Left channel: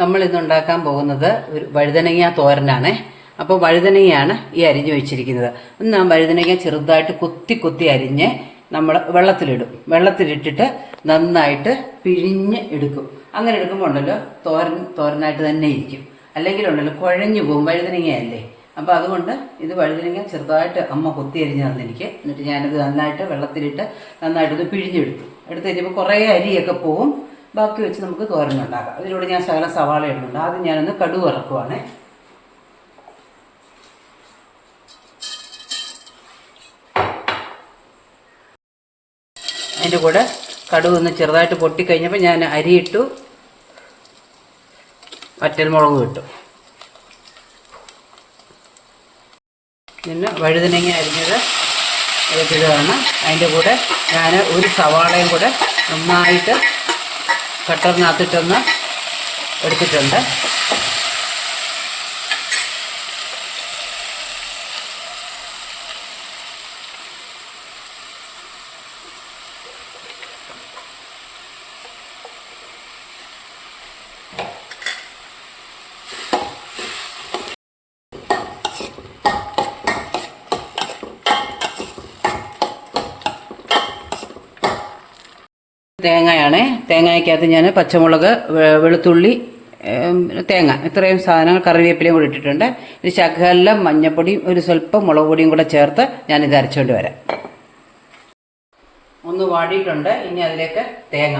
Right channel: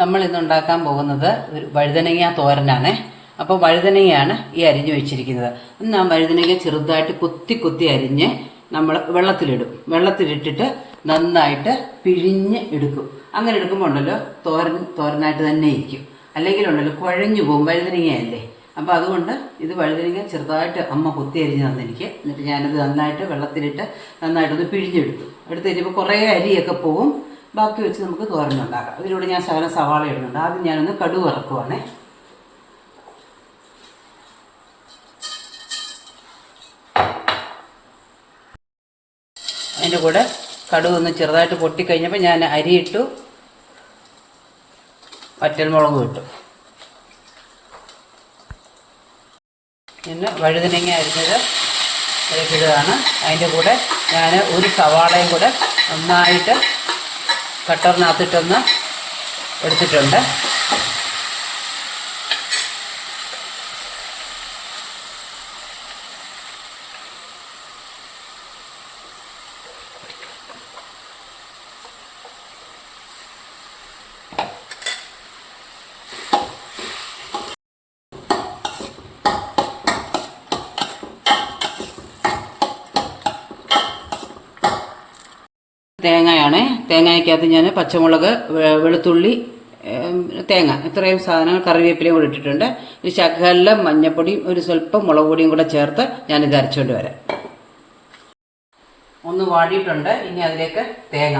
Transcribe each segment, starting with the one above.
നമ്മൾ ഇന്ന് ഉണ്ടാക്കാൻ പോകുന്നത് ഒരു വഴുതനങ്ങ തോരനാണ്. അപ്പോൾ വഴുതനങ്ങയാണ് ഈ അരിഞ്ഞു വെച്ചിരിക്കുന്നത്. നാം വഴുതനങ്ങ ചെറുതായിട്ട് കുത്തി അരിഞ്ഞ് നമ്മൾ വെള്ളത്തിലിട്ടിട്ട് നന്നായിട്ട് പിഴിഞ്ഞ് എടുക്കും. അങ്ങനെ എടുക്കുമ്പോൾ ഉണ്ടല്ലോ തോരനായിട്ട് തന്നെ ഇരിക്കും. അല്ലെങ്കിൽ ഉണ്ടല്ലോ കുഴഞ്ഞു പോകും, വഴുതനങ്ങയല്ലേ. അപ്പോൾ അതുകൊണ്ട് ഇത് വഴുതനങ്ങ ചെറുതായിട്ട് അമ്മ കുത്തി അരിഞ്ഞ് തന്നെനിക്ക്. എന്നിട്ട് ഞാനത് നന്നായിട്ട് വെള്ളത്തിലിട്ട് നന്നായിട്ടൊന്ന് പിഴിഞ്ഞെടുത്തു. എടുത്ത് കഴിഞ്ഞപ്പോൾ കുറേ അരിയൊക്കെ പോകും. ബാക്കി വെച്ച് നമുക്ക് തോരനുണ്ടാക്കാം. അതിലൂടെ ഞാൻ ശകലം സവാള ഇടുന്നുണ്ട്. ആദ്യം ഞാനൊന്ന് കടുക് വറക്കുവാണേ. അതിൻ്റെ കൂടെ കടുക് ഒന്ന് ചെറുതായിട്ട് പൊട്ടിക്കഴിഞ്ഞപ്പോൾ ഞാൻ അരിയിട്ടു, വറ്റൽമുളകും ഇട്ടു. പിന്നെ വഴുതനങ്ങ അരിഞ്ഞത് ഇടുകയാണ്. അതിൻ്റെ കൂടെ ഞാൻ ഒരു സവാളയും കൂടെ നന്നായിട്ട് കട്ടറിനകത്തിട്ടൊന്ന് എടുത്തിട്ടുണ്ട്. തേങ്ങയാണ്. തേങ്ങയ്ക്കകത്ത് ഞാൻ പച്ചമുളക്, വെളുത്തുള്ളി, തേങ്ങ, ഇത്രയും സാധനങ്ങൾ, കറിവേപ്പിലയും കൂടി ഇട്ടിട്ടുണ്ട്. ഒരു ശകലം മഞ്ഞപ്പൊടിയും ഒരു സ്വല്പം മുളക് പൊടിയും കൂടെ ചേർത്ത് ഞാനിത് അരച്ചുകൊണ്ട് വരാം. ഒന്ന് വാടിയിട്ടുണ്ട്. ഇനി അതിലേക്ക് തേങ്ങ,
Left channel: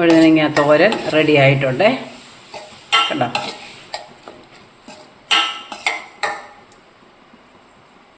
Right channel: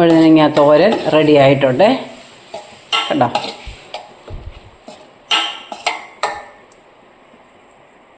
വഴുതനങ്ങ തോരൻ റെഡി ആയിട്ടുണ്ട്. കണ്ടോ?